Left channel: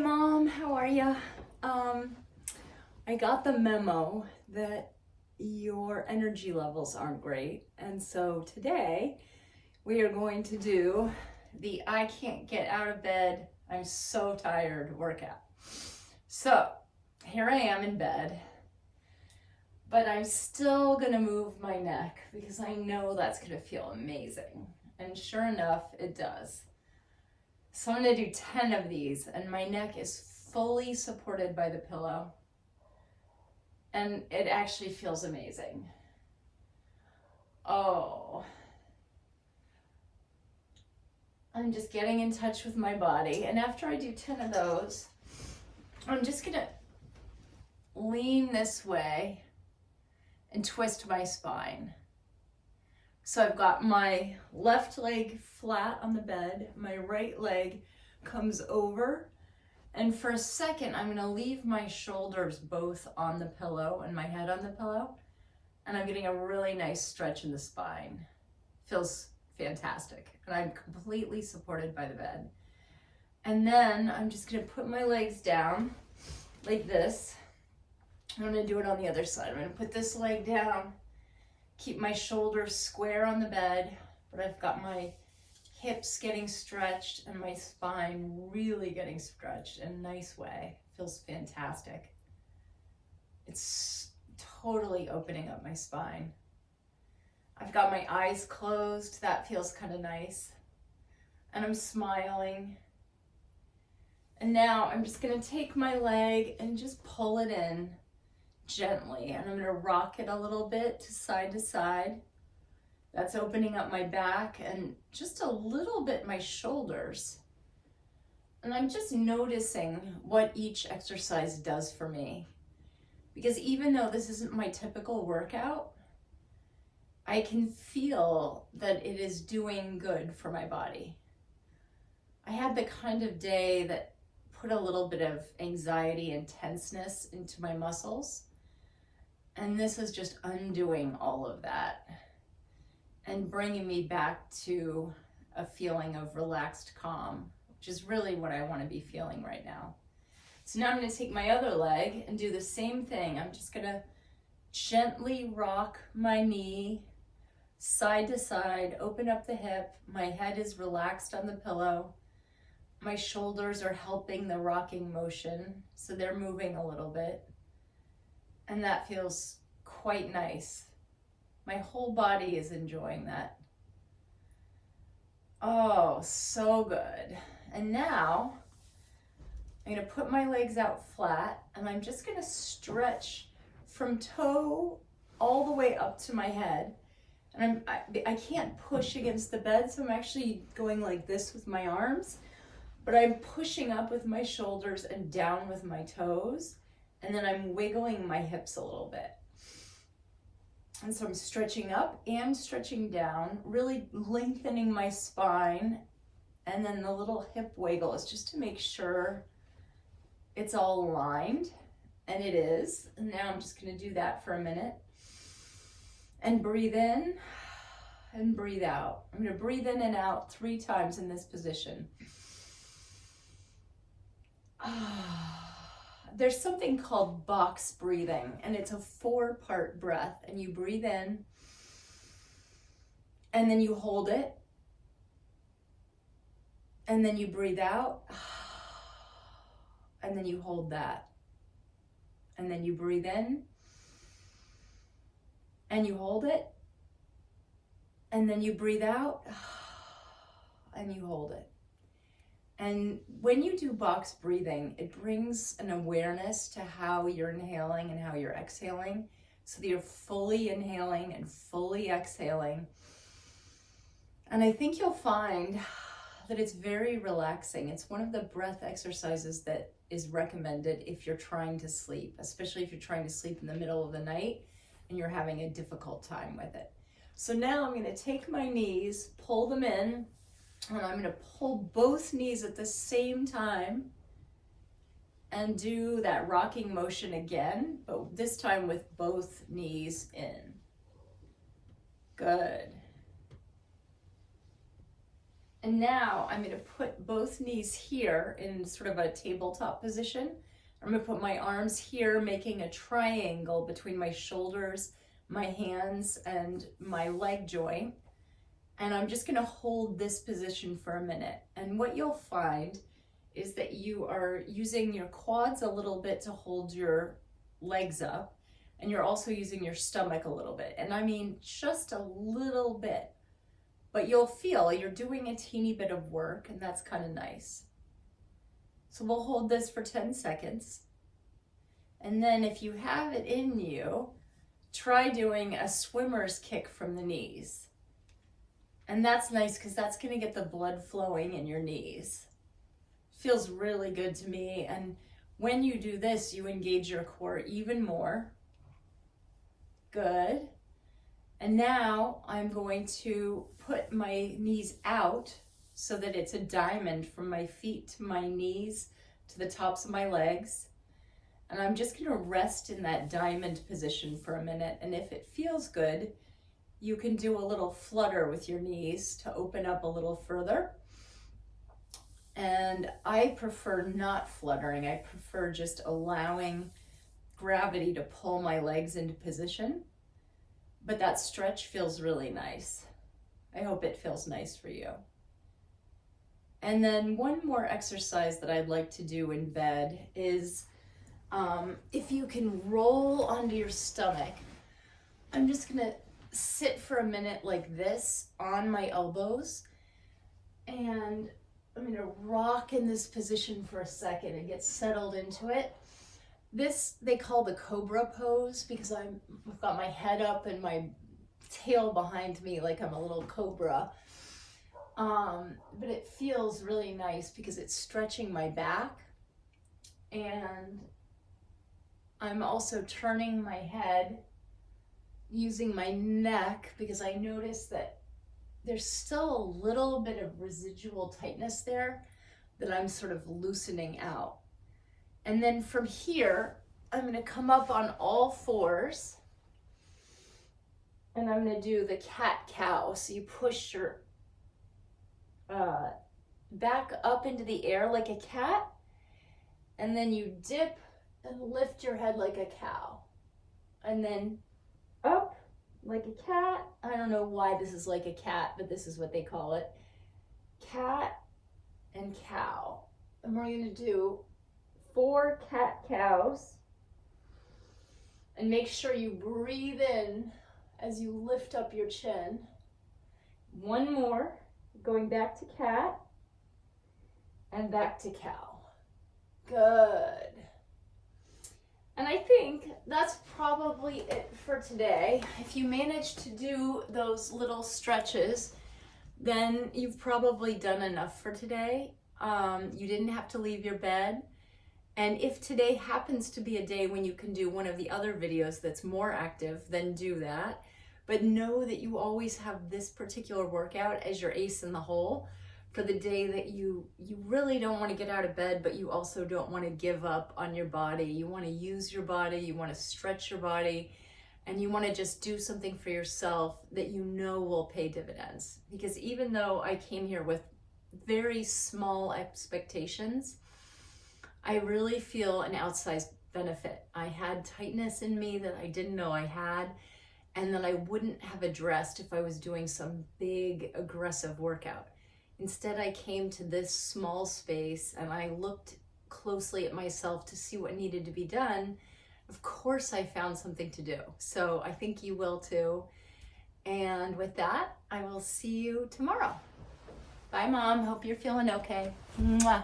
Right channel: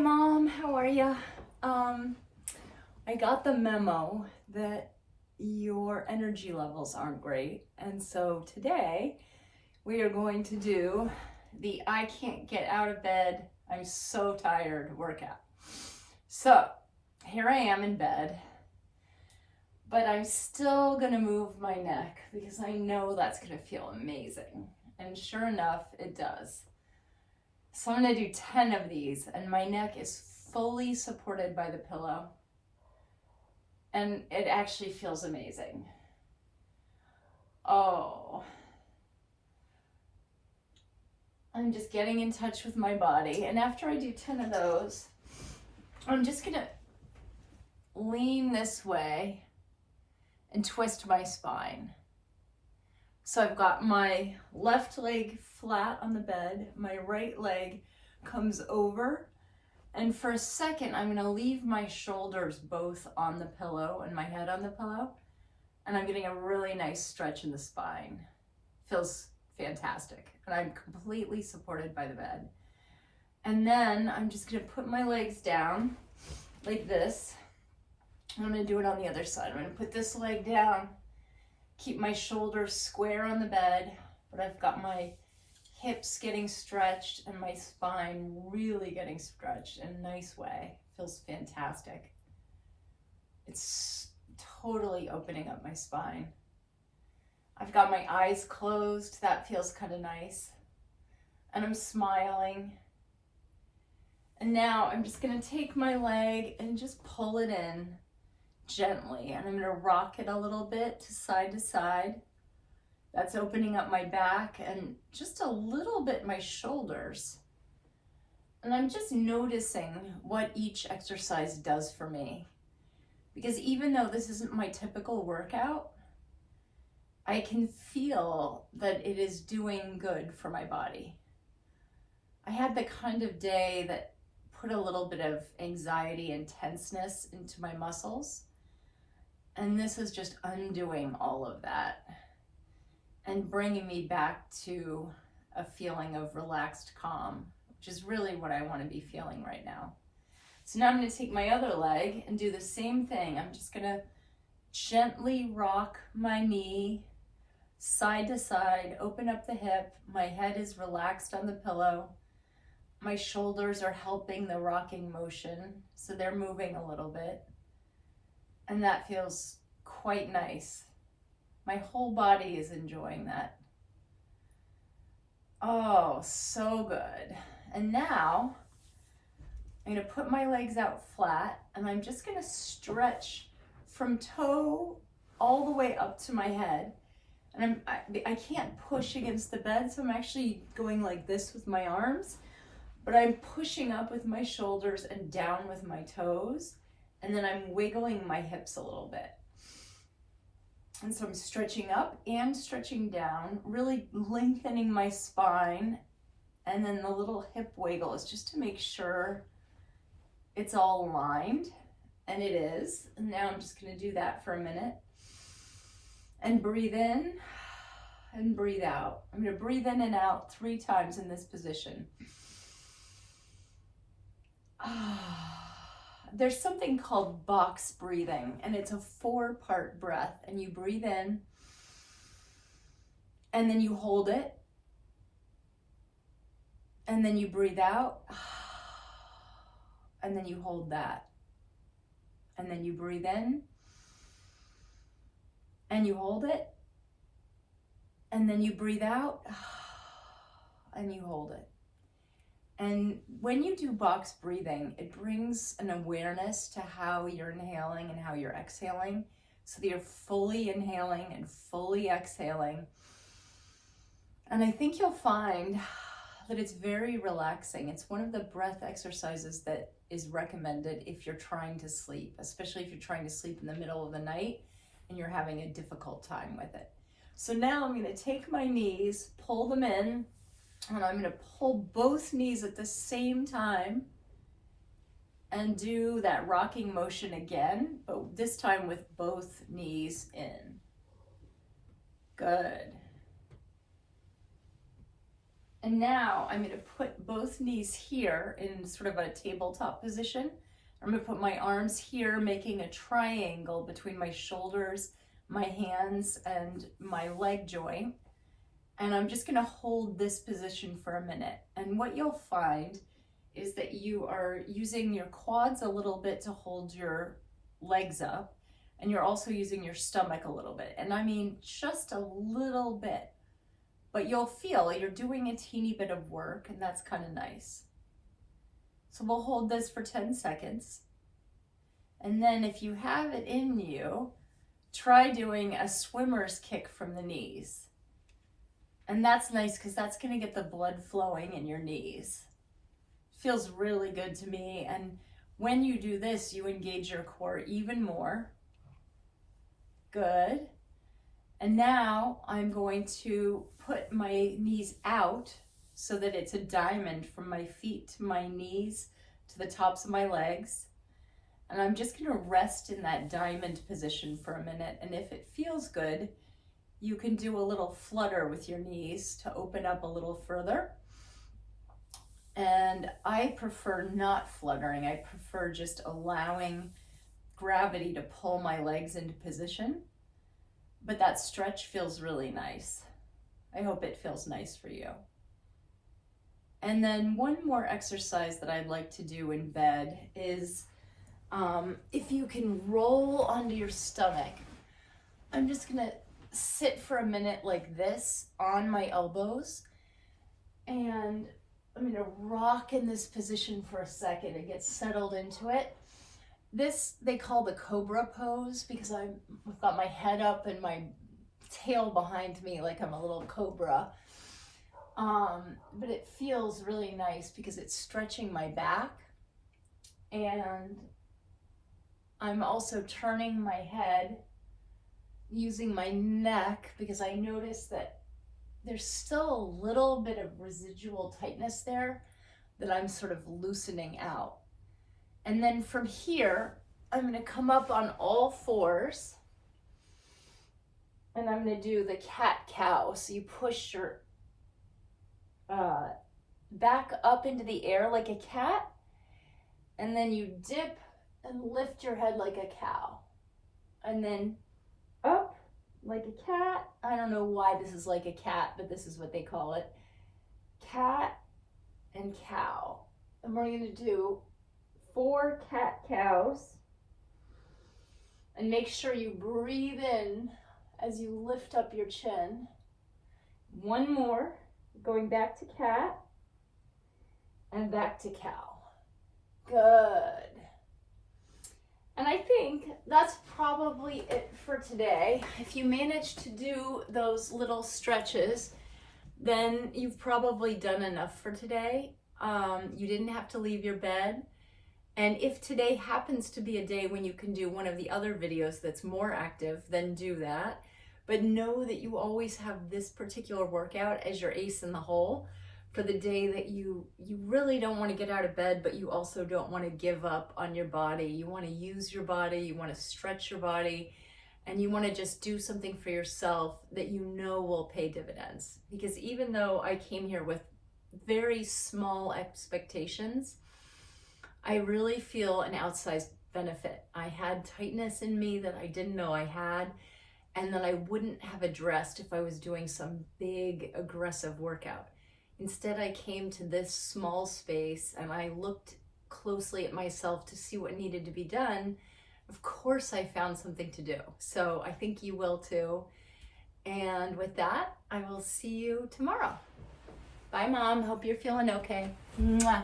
Mom, how are ya? I got the memo that your energy levels aren't great, and so today we are going to do the I can't get out of bed, I'm so tired workout. So here I am in bed, but I'm still gonna move my neck because I know that's gonna feel amazing. And sure enough, it does. So I'm gonna do 10 of these, and my neck is fully supported by the pillow. And it actually feels amazing. Oh. I'm just getting in touch with my body. And after I do 10 of those, I'm just gonna lean this way and twist my spine. So I've got my left leg flat on the bed, my right leg comes over, and for a second I'm gonna leave my shoulders both on the pillow and my head on the pillow, and I'm getting a really nice stretch in the spine. Feels fantastic, and I'm completely supported by the bed. And then I'm just gonna put my legs down like this. I'm gonna do it on the other side. I'm gonna put this leg down, keep my shoulders square on the bed, but I've got my hips getting stretched and my spine really getting stretched in a nice way. Feels fantastic. It's totally opening up my spine. I've got my eyes closed. That feels kind of nice. And I'm smiling. And now I'm just gonna take my leg and just pull it in gently, and I'm gonna rock it a little bit to side. That's opening up my back and just a little bit my shoulders. And I'm just noticing what each exercise does for me. Because even though this isn't my typical workout, I can feel that it is doing good for my body. I had the kind of day that put a little bit of anxiety and tenseness into my muscles. And this is just undoing all of that and bringing me back to a feeling of relaxed calm, which is really what I want to be feeling right now. So now I'm going to take my other leg and do the same thing. I'm just going to gently rock my knee side to side, open up the hip. My head is relaxed on the pillow. My shoulders are helping the rocking motion, so they're moving a little bit. And that feels quite nice. My whole body is enjoying that. Oh, so good. And now I'm gonna put my legs out flat, and I'm just gonna stretch from toe all the way up to my head. And I can't push against the bed, so I'm actually going like this with my arms, but I'm pushing up with my shoulders and down with my toes. And then I'm wiggling my hips a little bit. And so I'm stretching up and stretching down, really lengthening my spine. And then the little hip wiggle is just to make sure it's all aligned. And it is. And now I'm just gonna do that for a minute. And breathe in and breathe out. I'm gonna breathe in and out 3 times in this position. There's something called box breathing, and it's a 4-part breath, and you breathe in and then you hold it, and then you breathe out, and then you hold that, and then you breathe in and you hold it, and then you breathe out and you hold it. And when you do box breathing, it brings an awareness to how you're inhaling and how you're exhaling, so that you're fully inhaling and fully exhaling. And I think you'll find that it's very relaxing. It's one of the breath exercises that is recommended if you're trying to sleep, especially if you're trying to sleep in the middle of the night and you're having a difficult time with it. So now I'm gonna take my knees, pull them in, and I'm gonna pull both knees at the same time and do that rocking motion again, but this time with both knees in. Good. And now I'm gonna put both knees here in sort of a tabletop position. I'm gonna put my arms here, making a triangle between my shoulders, my hands, and my leg joint. And I'm just gonna hold this position for a minute. And what you'll find is that you are using your quads a little bit to hold your legs up, and you're also using your stomach a little bit. And I mean, just a little bit, but you'll feel you're doing a teeny bit of work, and that's kind of nice. So we'll hold this for 10 seconds. And then if you have it in you, try doing a swimmer's kick from the knees. And that's nice because that's gonna get the blood flowing in your knees. Feels really good to me. And when you do this, you engage your core even more. Good. And now I'm going to put my knees out so that it's a diamond from my feet to my knees to the tops of my legs. And I'm just gonna rest in that diamond position for a minute. And if it feels good, you can do a little flutter with your knees to open up a little further. And I prefer not fluttering. I prefer just allowing gravity to pull my legs into position. But that stretch feels really nice. I hope it feels nice for you. And then one more exercise that I'd like to do in bed is if you can roll onto your stomach. I'm just gonna sit for a minute like this on my elbows, and I'm gonna rock in this position for a second and get settled into it. This they call the cobra pose because I've got my head up and my tail behind me like I'm a little cobra. But it feels really nice because it's stretching my back, and I'm also turning my head using my neck because I noticed that there's still a little bit of residual tightness there that I'm sort of loosening out. And then from here, I'm gonna come up on all fours, and I'm gonna do the cat-cow. So you push your back up into the air like a cat, and then you dip and lift your head like a cow. And then up like a cat. I don't know why this is like a cat, but this is what they call it. Cat and cow. And we're gonna do 4 cat-cows. And make sure you breathe in as you lift up your chin. One more, going back to cat and back to cow. Good. And I think that's probably it for today. If you manage to do those little stretches, then you've probably done enough for today. You didn't have to leave your bed. And if today happens to be a day when you can do one of the other videos that's more active, then do that. But know that you always have this particular workout as your ace in the hole for the day that you really don't want to get out of bed, but you also don't want to give up on your body. You want to use your body, you want to stretch your body, and you want to just do something for yourself that you know will pay dividends. Because even though I came here with very small expectations, I really feel an outsized benefit. I had tightness in me that I didn't know I had, and that I wouldn't have addressed if I was doing some big aggressive workout. Instead, I came to this small space and I looked closely at myself to see what needed to be done. Of course, I found something to do. So I think you will too. And with that, I will see you tomorrow. Bye, Mom. Hope you're feeling okay. Mwah.